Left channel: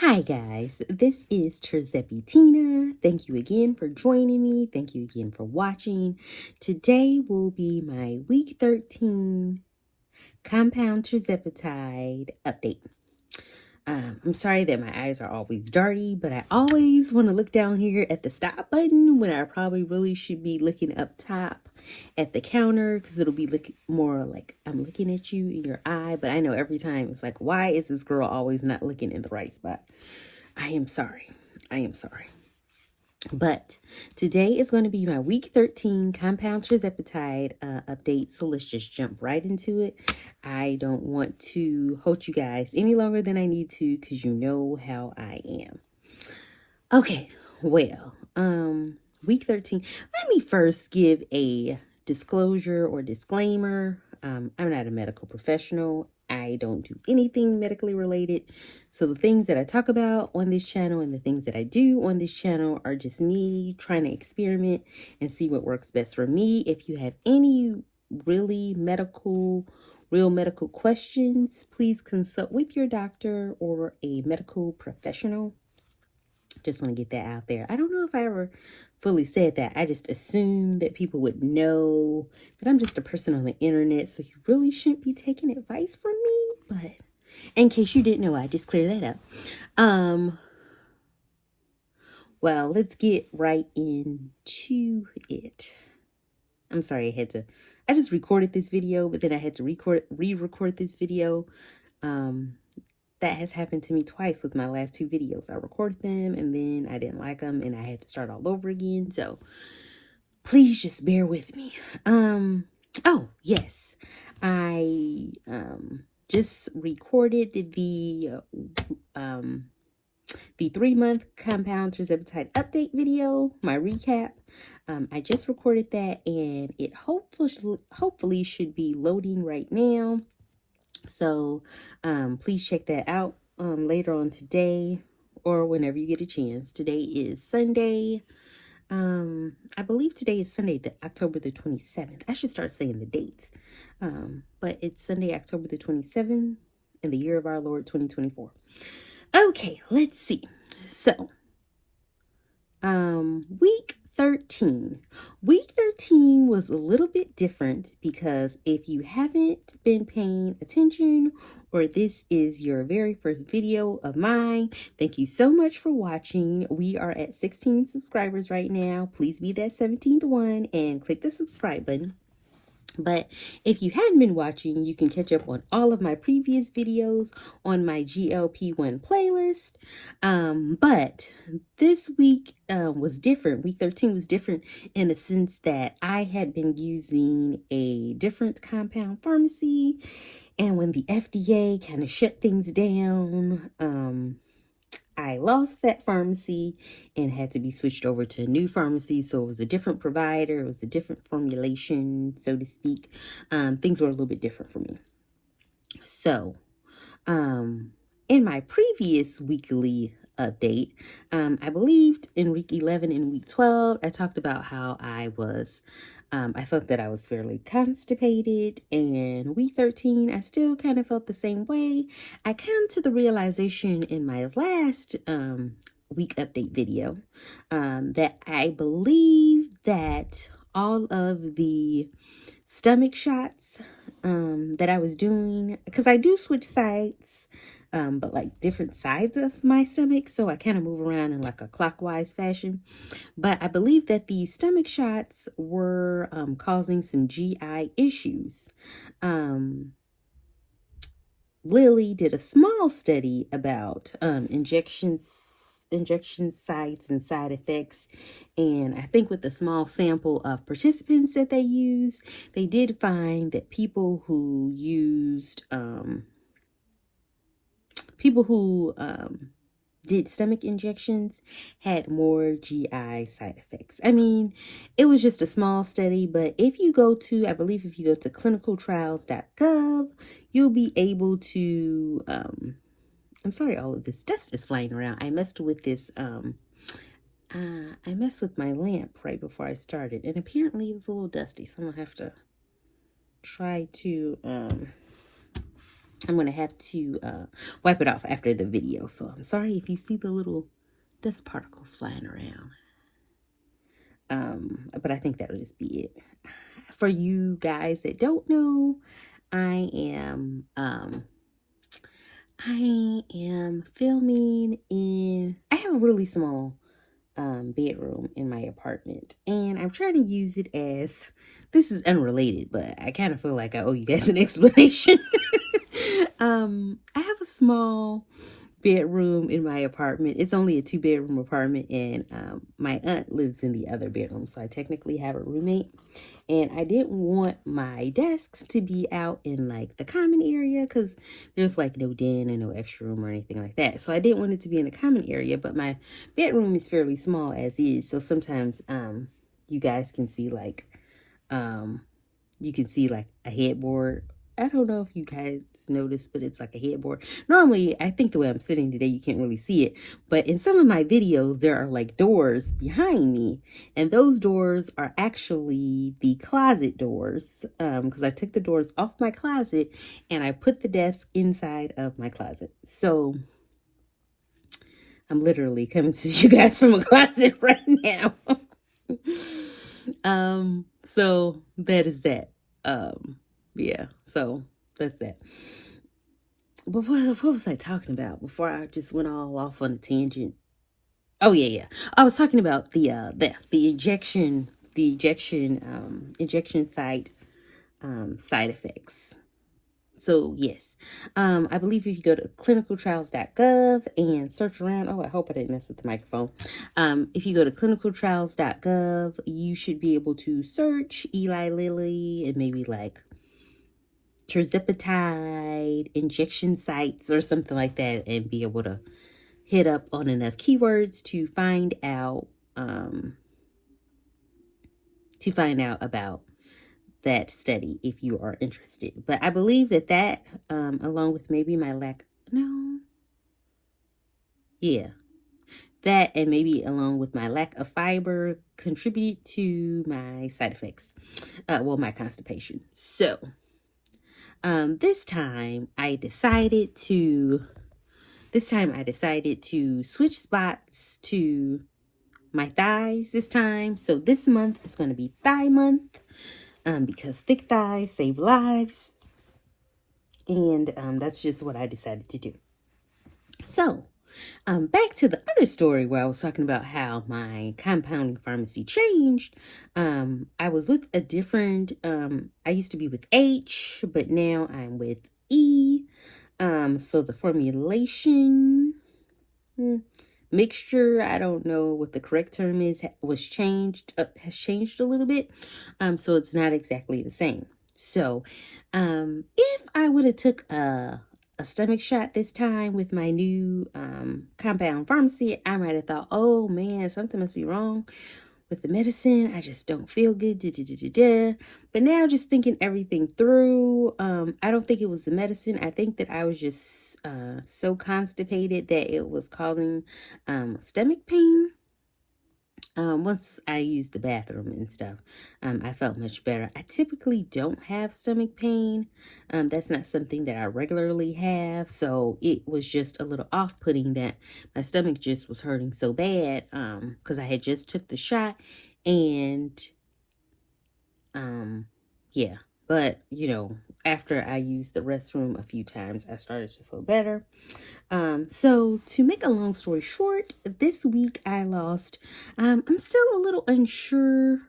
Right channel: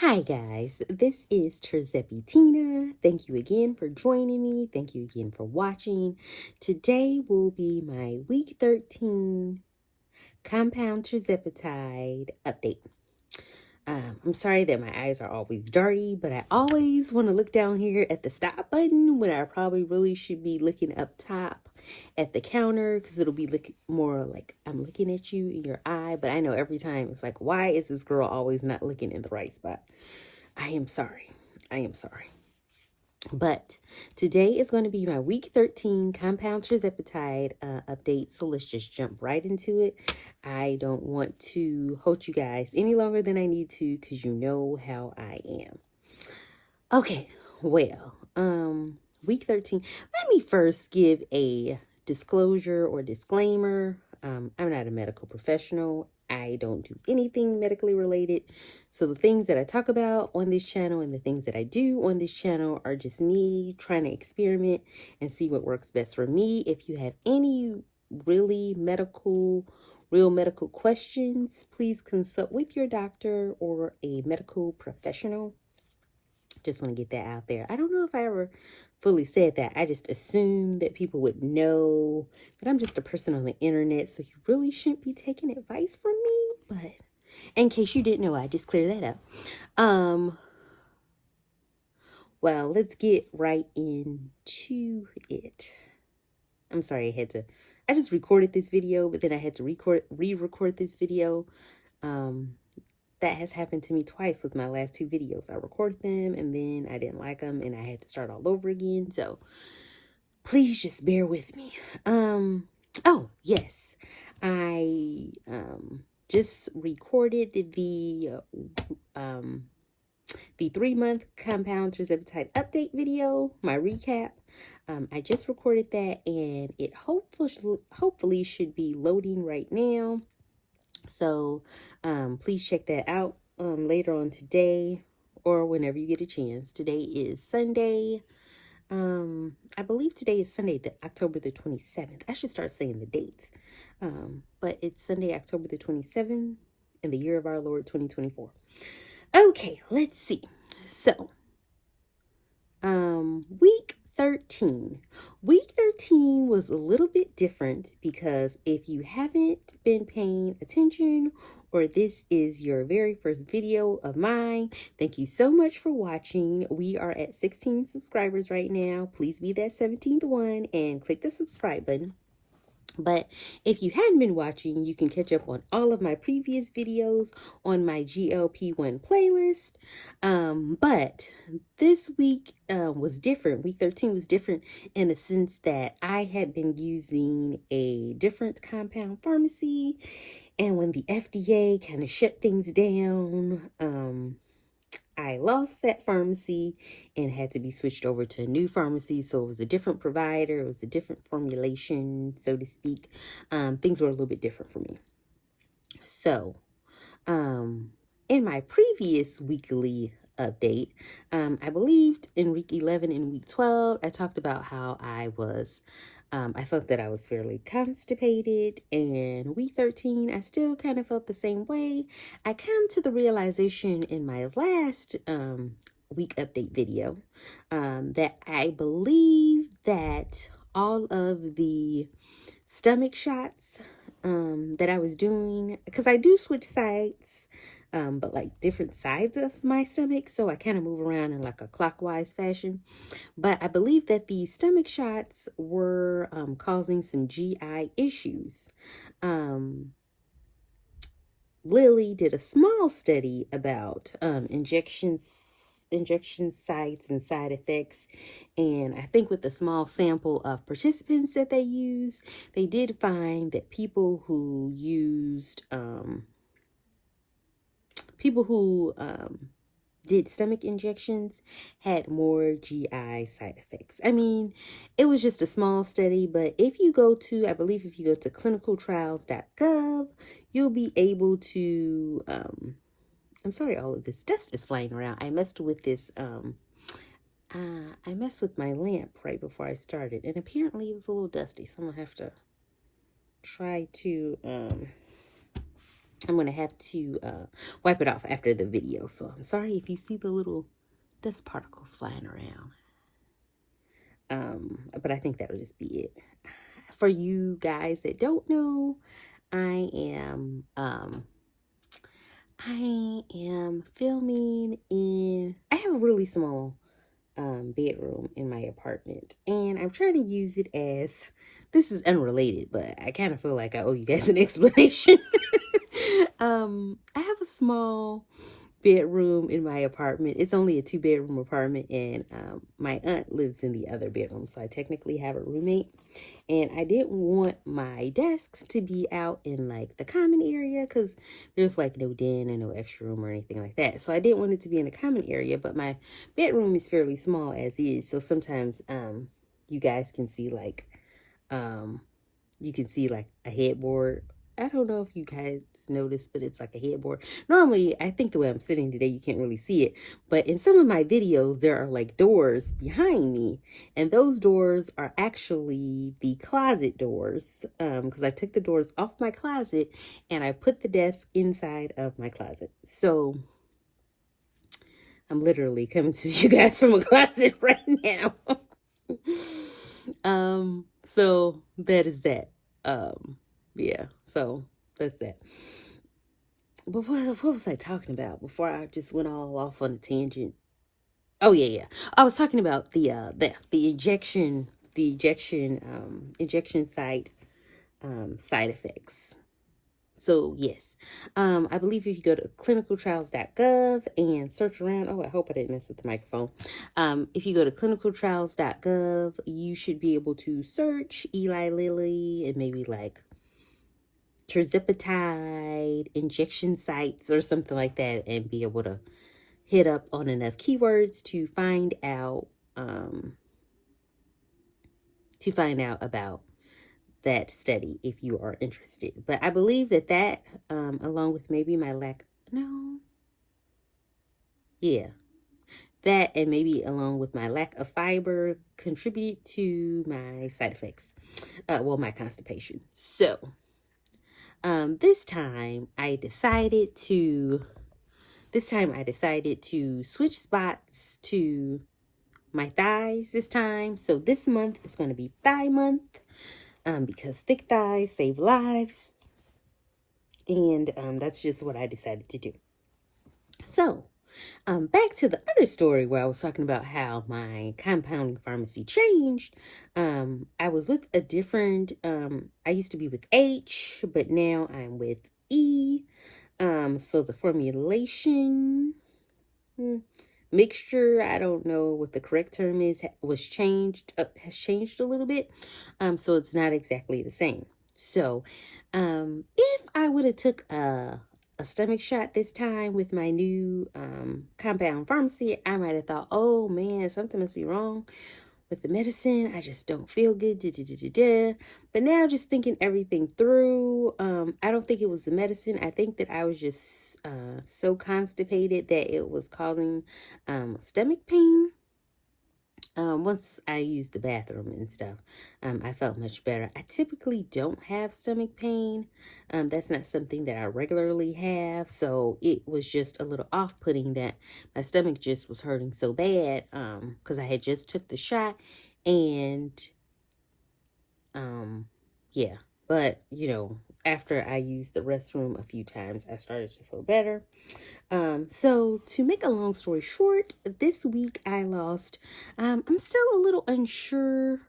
Hi guys, this is Tirzepatide. Thank you again for joining me. Thank you again for watching. Today will be my week 13 compound Tirzepatide update. I'm sorry that my eyes are always dirty, but I always want to look down here at the stop button when I probably really should be looking up top at the counter, because it'll be looking more like I'm looking at you in your eye. But I know every time it's like, why is this girl always not looking in the right spot? I am sorry. I am sorry. But today is going to be my week 13 compound Tirzepatide update. So let's just jump right into it. I don't want to hold you guys any longer than I need to, because you know how I am. Okay, well, week 13. Let me first give a disclosure or disclaimer. I'm not a medical professional. I don't do anything medically related. So the things that I talk about on this channel and the things that I do on this channel are just me trying to experiment and see what works best for me. If you have any real medical questions, please consult with your doctor or a medical professional. Just want to get that out there. I don't know if I ever fully said that. I just assumed that people would know that I'm just a person on the internet, so you really shouldn't be taking advice from me. But in case you didn't know, I just clear that up. Well, let's get right into it. I'm sorry, I just recorded this video, but then I had to re-record this video. That has happened to me twice with my last two videos. I recorded them and then I didn't like them and I had to start all over again. So please just bear with me. Oh yes, I just recorded the 3-month compound Tirzepatide update video, my recap. I just recorded that and it hopefully should be loading right now. So please check that out later on today or whenever you get a chance. Today is Sunday. I believe today is Sunday, October the 27th. I should start saying the dates. But it's Sunday, October the 27th in the year of our Lord 2024. Okay, let's see. So, week 13. Week 13 was a little bit different because if you haven't been paying attention or this is your very first video of mine, thank you so much for watching. We are at 16 subscribers right now. Please be that 17th one and click the subscribe button. But if you hadn't been watching, you can catch up on all of my previous videos on my GLP-1 playlist. But this week was different. Week 13 was different in the sense that I had been using a different compound pharmacy. And when the FDA kind of shut things down, I lost that pharmacy and had to be switched over to a new pharmacy. So it was a different provider. It was a different formulation, so to speak. Things were a little bit different for me. So, in my previous weekly update, I believed in week 11 and week 12, I talked about how I felt that I was fairly constipated, and week 13, I still kind of felt the same way. I came to the realization in my last week update video that I believe that all of the stomach shots that I was doing, because I do switch sides, but like different sides of my stomach, so I kind of move around in like a clockwise fashion. But I believe that the stomach shots were causing some GI issues. Lily did a small study about injection sites and side effects, and I think with the small sample of participants that they used, they did find that people who did stomach injections had more GI side effects. I mean, it was just a small study, but if you go to clinicaltrials.gov, you'll be able to, I'm sorry, all of this dust is flying around. I messed with this, I messed with my lamp right before I started, and apparently it was a little dusty, so I'm gonna have to try to, I'm going to have to wipe it off after the video. So I'm sorry if you see the little dust particles flying around. But I think that'll just be it. For you guys that don't know, I am filming in, I have a really small bedroom in my apartment, and I'm trying to use it as, this is unrelated, but I kind of feel like I owe you guys an explanation. I have a small bedroom in my apartment. It's only a 2-bedroom apartment, and my aunt lives in the other bedroom, so I technically have a roommate. And I didn't want my desks to be out in like the common area because there's like no den and no extra room or anything like that. So I didn't want it to be in the common area, but my bedroom is fairly small as is. So sometimes you guys can see like a headboard. I don't know if you guys noticed, but it's like a headboard. Normally, I think the way I'm sitting today, you can't really see it. But in some of my videos, there are like doors behind me. And those doors are actually the closet doors. Because I took the doors off my closet and I put the desk inside of my closet. So I'm literally coming to you guys from a closet right now. So that is that. Yeah, so that's that. But what was I talking about before I just went all off on a tangent? Oh yeah. I was talking about the injection site side effects. So yes, I believe if you go to clinicaltrials.gov and search around, oh, I hope I didn't mess with the microphone. If you go to clinicaltrials.gov, you should be able to search Eli Lilly and maybe like Tirzepatide injection sites or something like that, and be able to hit up on enough keywords to find out about that study if you are interested. But I believe that along with maybe my that and maybe along with my lack of fiber contribute to my side effects, my constipation. So this time I decided to switch spots to my thighs this time. So this month is going to be thigh month, because thick thighs save lives. And that's just what I decided to do. So back to the other story where I was talking about how my compounding pharmacy changed. I was with a different, I used to be with H, but now I'm with E. So the formulation mixture, I don't know what the correct term is, has changed a little bit. So it's not exactly the same. So if I would have took a stomach shot this time with my new compound pharmacy, I might have thought, oh man, something must be wrong with the medicine. I just don't feel good. But now just thinking everything through, I don't think it was the medicine. I think that I was just so constipated that it was causing stomach pain. Once I used the bathroom and stuff, I felt much better. I typically don't have stomach pain. That's not something that I regularly have. So it was just a little off-putting that my stomach just was hurting so bad, because I had just took the shot, and yeah. But, after I used the restroom a few times, I started to feel better. So to make a long story short, this week I lost, I'm still a little unsure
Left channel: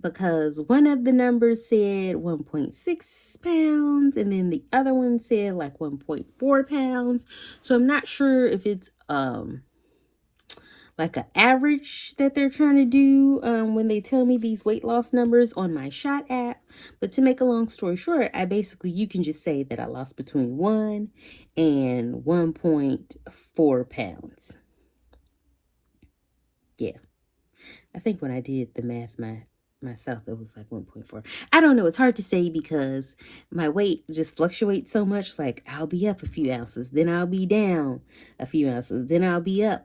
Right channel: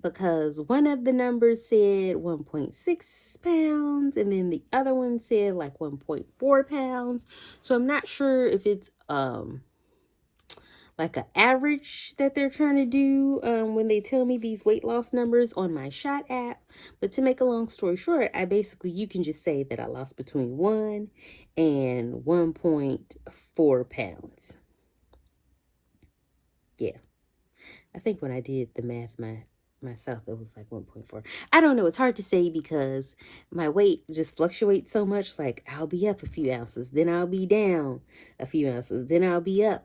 because one of the numbers said 1.6 pounds and then the other one said like 1.4 pounds. So I'm not sure if it's, like an average that they're trying to do when they tell me these weight loss numbers on my Shot app. But to make a long story short, you can just say that I lost between 1 and 1.4 pounds. Yeah. I think when I did the math myself, it was like 1.4. I don't know. It's hard to say because my weight just fluctuates so much. Like I'll be up a few ounces, then I'll be down a few ounces, then I'll be up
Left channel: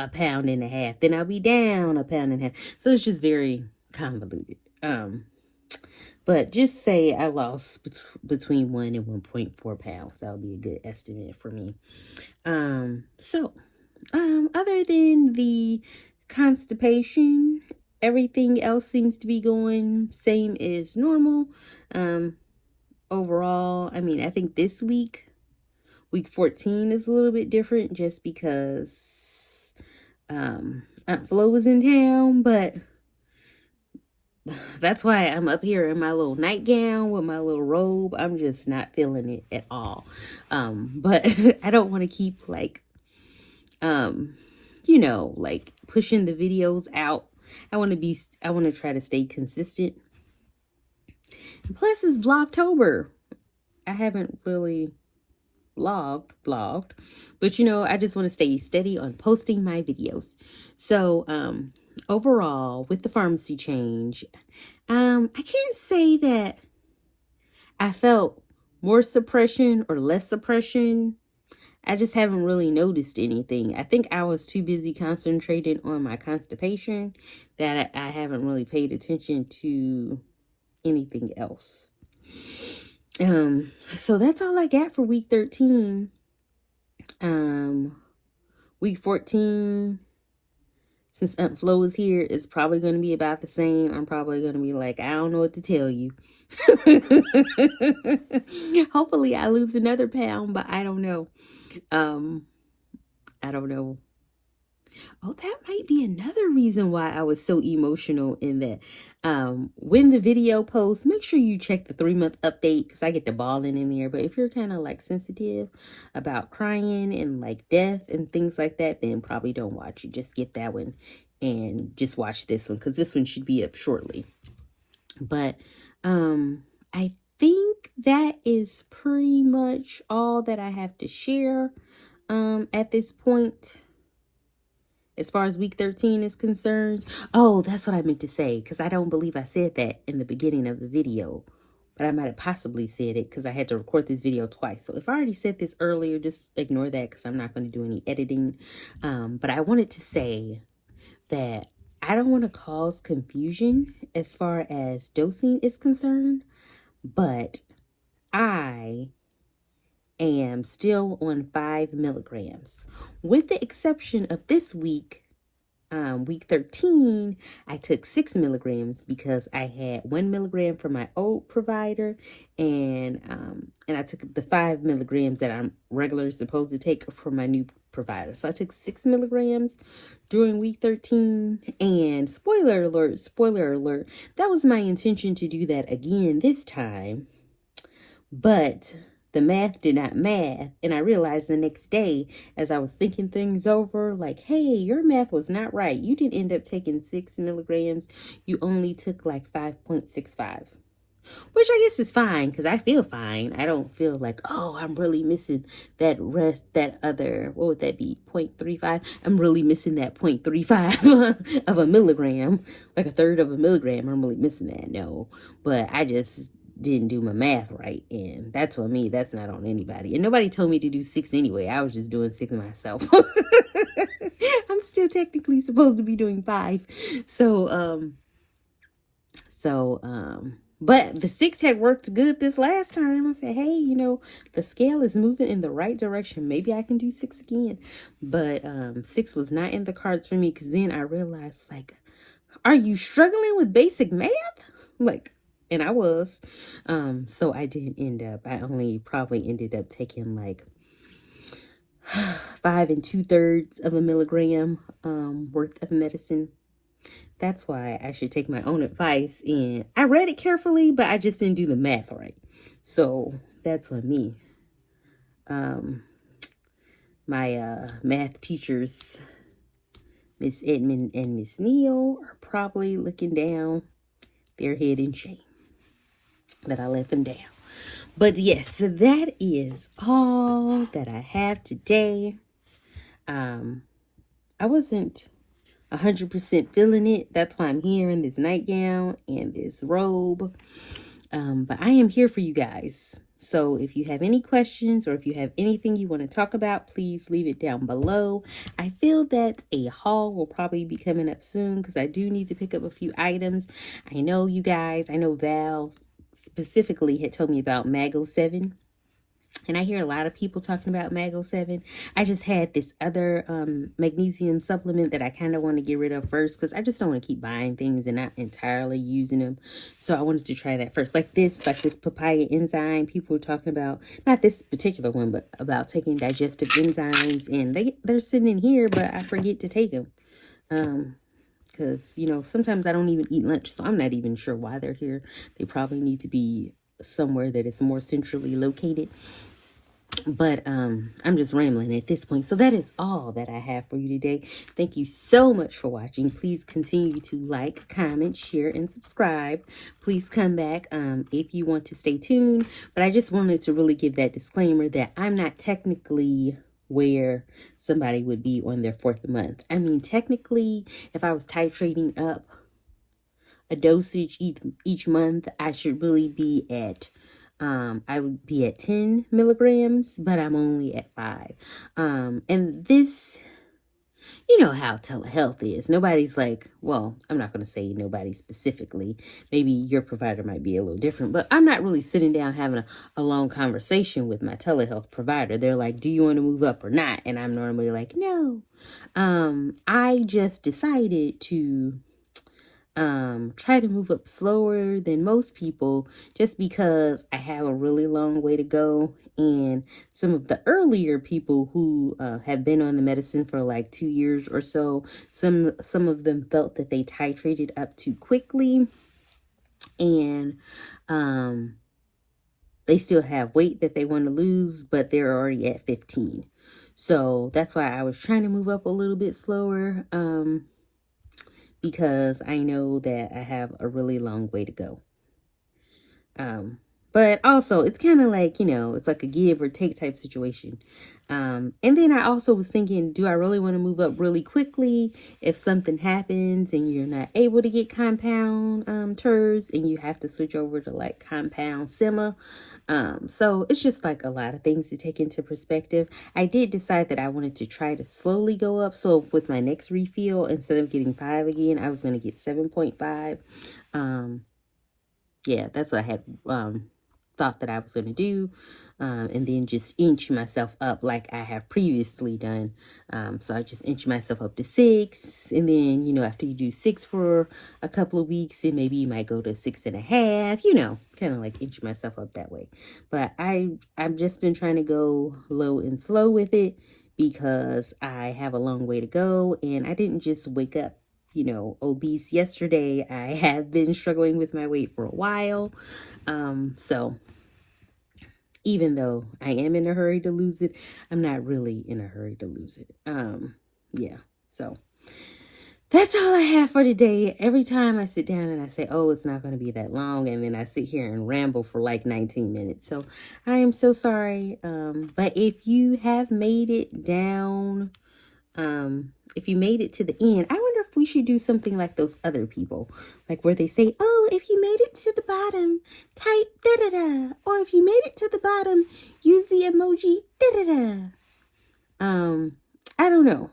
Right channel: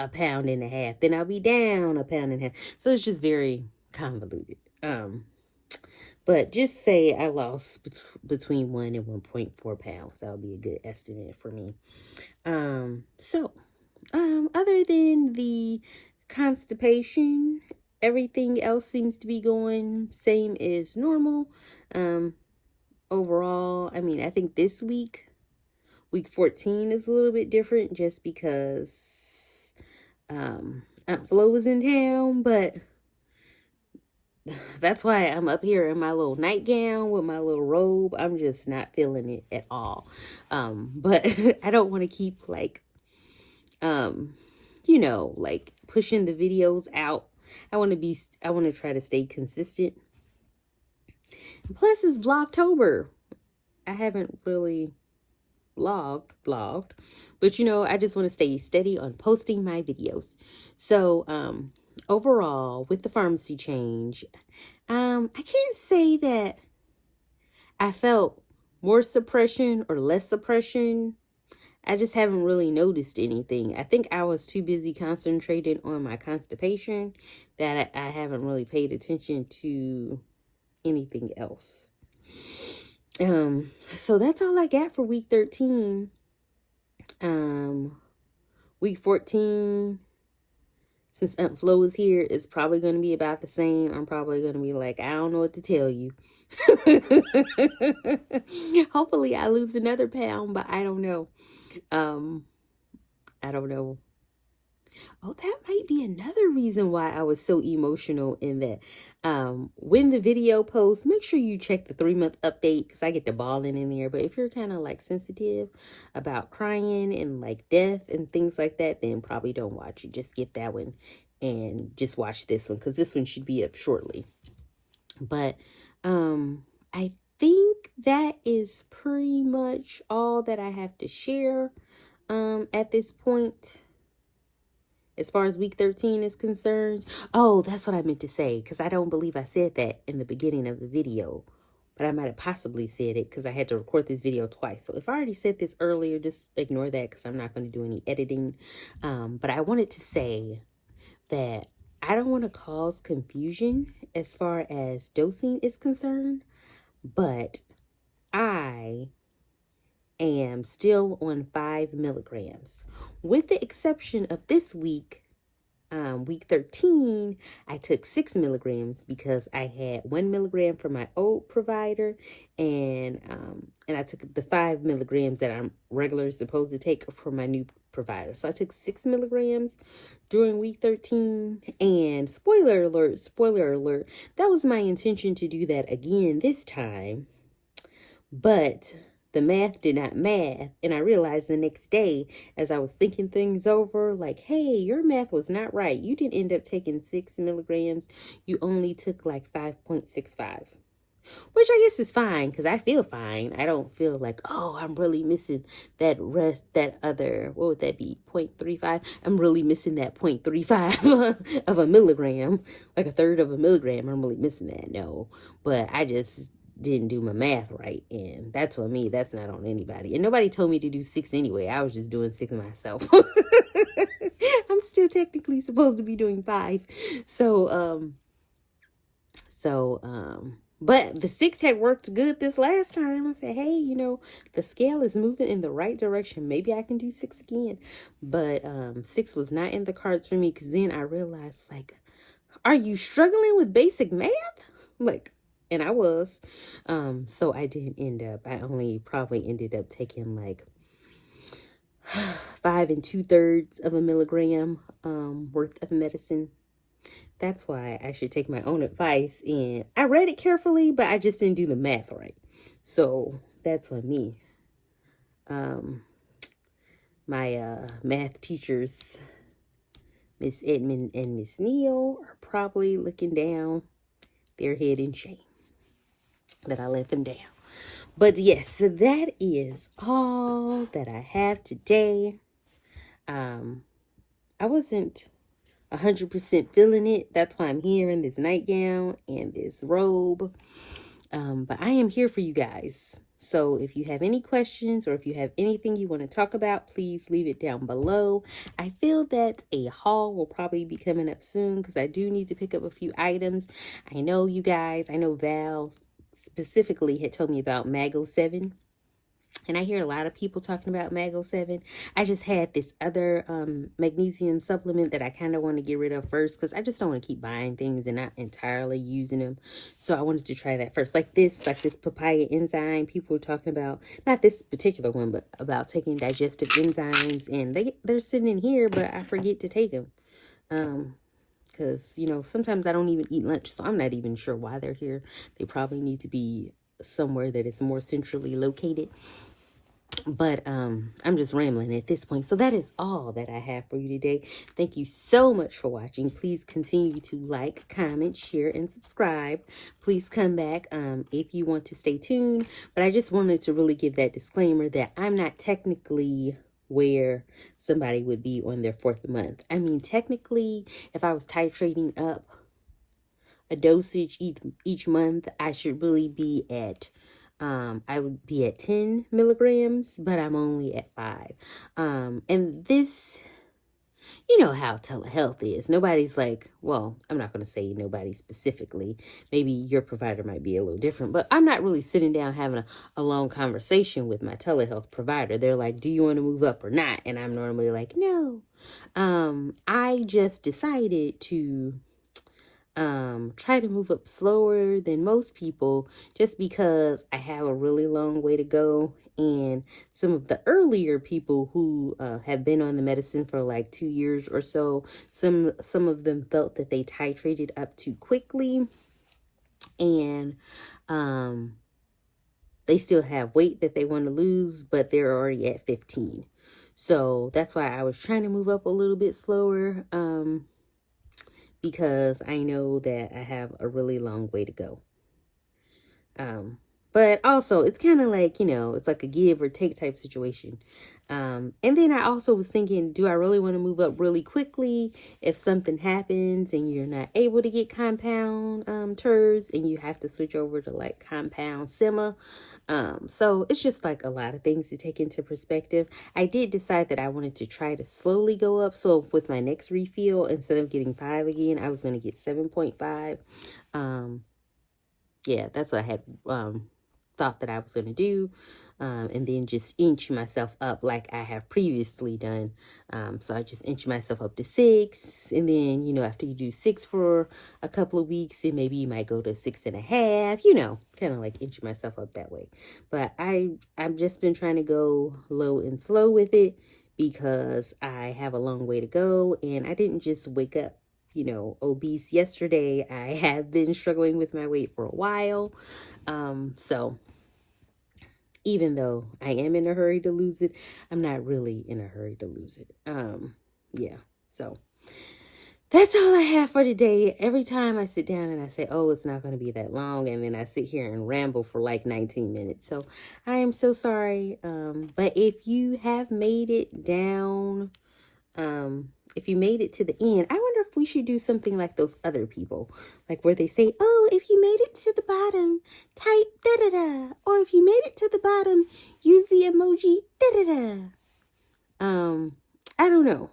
a pound and a half, then I'll be down a pound and a half. So it's just very convoluted. But just say I lost between 1 and 1.4 pounds. That would be a good estimate for me. Other than the constipation, everything else seems to be going same as normal. Overall, I mean, I think this week 14 is a little bit different just because Aunt Flo was in town, but that's why I'm up here in my little nightgown with my little robe. I'm just not feeling it at all. But I don't want to keep like like pushing the videos out. I want to try to stay consistent. And plus it's Vlogtober. I haven't really vlogged, but I just want to stay steady on posting my videos. So, overall, with the pharmacy change, I can't say that I felt more suppression or less suppression. I just haven't really noticed anything. I think I was too busy concentrating on my constipation that I haven't really paid attention to anything else. So that's all I got for week 13. Week 14, since Aunt Flo is here, it's probably going to be about the same. I'm probably going to be like, I don't know what to tell you. Hopefully I lose another pound, but I don't know. I don't know. Oh, that might be another reason why I was so emotional in that. When the video posts, make sure you check the 3-month update because I get the bawling in there. But if you're kind of like sensitive about crying and like death and things like that, then probably don't watch it. Just skip that one and just watch this one because this one should be up shortly. But I think that is pretty much all that I have to share at this point. As far as week 13 is concerned. Oh, that's what I meant to say, because I don't believe I said that in the beginning of the video. But I might have possibly said it because I had to record this video twice. So if I already said this earlier, just ignore that because I'm not going to do any editing. But I wanted to say that I don't want to cause confusion as far as dosing is concerned. But I am still on 5 milligrams. With the exception of this week, week 13, I took 6 milligrams because I had 1 milligram from my old provider, and I took the 5 milligrams that I'm regularly supposed to take from my new provider. So I took 6 milligrams during week 13, and spoiler alert, that was my intention to do that again this time, but the math did not math, and I realized the next day as I was thinking things over, like, hey, your math was not right. You didn't end up taking 6 milligrams. You only took like 5.65, which I guess is fine because I feel fine. I don't feel like, oh, I'm really missing that other, what would that be, 0.35? I'm really missing that 0.35 of a milligram, like a third of a milligram. I'm really missing that. No, but I just didn't do my math right, and that's on me. That's not on anybody, and nobody told me to do 6 anyway. I was just doing 6 myself. I'm still technically supposed to be doing 5. But the 6 had worked good this last time. I said, hey, the scale is moving in the right direction. Maybe I can do 6 again. But 6 was not in the cards for me because then I realized, like, are you struggling with basic math? Like, and I was. So I didn't end up. I only probably ended up taking like 5 2/3 of a milligram worth of medicine. That's why I should take my own advice. And I read it carefully, but I just didn't do the math right. So that's on me. My math teachers, Miss Edmond and Miss Neal, are probably looking down their head in shame that I let them down. But yes, so that is all that I have today. I wasn't 100% feeling it. That's why I'm here in this nightgown and this robe. But I am here for you guys. So if you have any questions or if you have anything you want to talk about, please leave it down below. I feel that a haul will probably be coming up soon because I do need to pick up a few items. I know you guys, I know Val specifically had told me about Mago 7. And I hear a lot of people talking about Mago 7. I just had this other magnesium supplement that I kind of want to get rid of first, because I just don't want to keep buying things and not entirely using them. So I wanted to try that first. Like this papaya enzyme. People were talking about, not this particular one, but about taking digestive enzymes. And they're sitting in here, but I forget to take them. Because, you know, sometimes I don't even eat lunch, so I'm not even sure why they're here. They probably need to be somewhere that is more centrally located. But I'm just rambling at this point. So that is all that I have for you today. Thank you so much for watching. Please continue to like, comment, share, and subscribe. Please come back if you want to stay tuned. But I just wanted to really give that disclaimer that I'm not technically where somebody would be on their 4th month. I mean, technically, if I was titrating up a dosage each month, I should really be at I would be at 10 milligrams, but I'm only at 5. And this, you know how telehealth is. Nobody's like, well, I'm not going to say nobody specifically. Maybe your provider might be a little different, but I'm not really sitting down having a long conversation with my telehealth provider. They're like, do you want to move up or not? And I'm normally like, no. I just decided to try to move up slower than most people, just because I have a really long way to go. And some of the earlier people who have been on the medicine for like 2 years or so, some of them felt that they titrated up too quickly, and they still have weight that they want to lose, but they're already at 15. So that's why I was trying to move up a little bit slower, because I know that I have a really long way to go. But also, it's kind of like, you know, it's like a give or take type situation. And then I also was thinking, do I really want to move up really quickly if something happens and you're not able to get compound Tirz, and you have to switch over to like compound sema? So it's just like a lot of things to take into perspective. I did decide that I wanted to try to slowly go up. So with my next refill, instead of getting 5 again, I was going to get 7.5. Yeah, that's what I had thought that I was going to do, and then just inch myself up like I have previously done. So I just inch myself up to 6, and then, you know, after you do 6 for a couple of weeks, then maybe you might go to 6.5, you know, kind of like inch myself up that way. But I've just been trying to go low and slow with it, because I have a long way to go, and I didn't just wake up, you know, obese yesterday. I have been struggling with my weight for a while. So even though I am in a hurry to lose it, I'm not really in a hurry to lose it. Yeah, so that's all I have for today. Every time I sit down and I say, oh, it's not going to be that long, and then I sit here and ramble for like 19 minutes. So I am so sorry. But if you have made it down, if you made it to the end, I wonder if we should do something like those other people, like where they say, oh, if you made it to the bottom, type da-da-da, or if you made it to the bottom, use the emoji da-da-da. I don't know.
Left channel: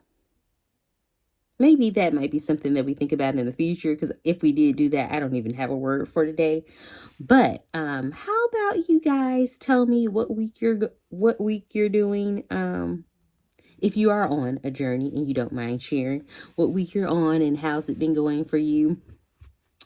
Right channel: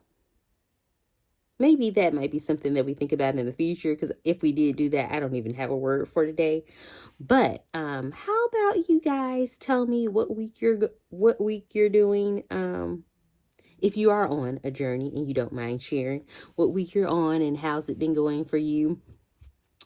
Maybe that might be something that we think about in the future, because if we did do that, I don't even have a word for today. But how about you guys tell me what week you're doing? If you are on a journey and you don't mind sharing what week you're on and how's it been going for you.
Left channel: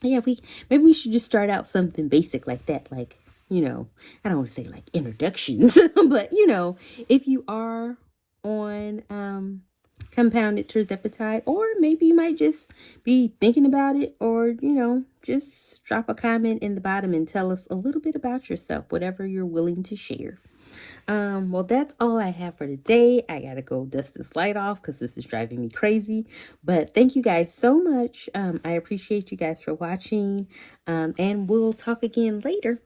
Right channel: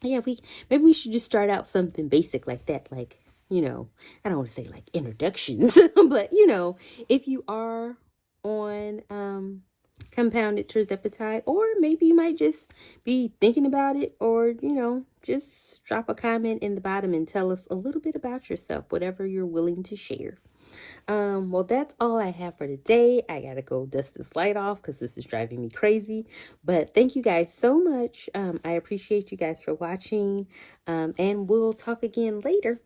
Yeah, maybe we should just start out something basic like that. Like, you know, I don't want to say like introductions, but, you know, if you are on compounded Tirzepatide, or maybe you might just be thinking about it, or, you know, just drop a comment in the bottom and tell us a little bit about yourself, whatever you're willing to share. Well, that's all I have for today. I gotta go dust this light off because this is driving me crazy. But thank you guys so much. I appreciate you guys for watching. And we'll talk again later.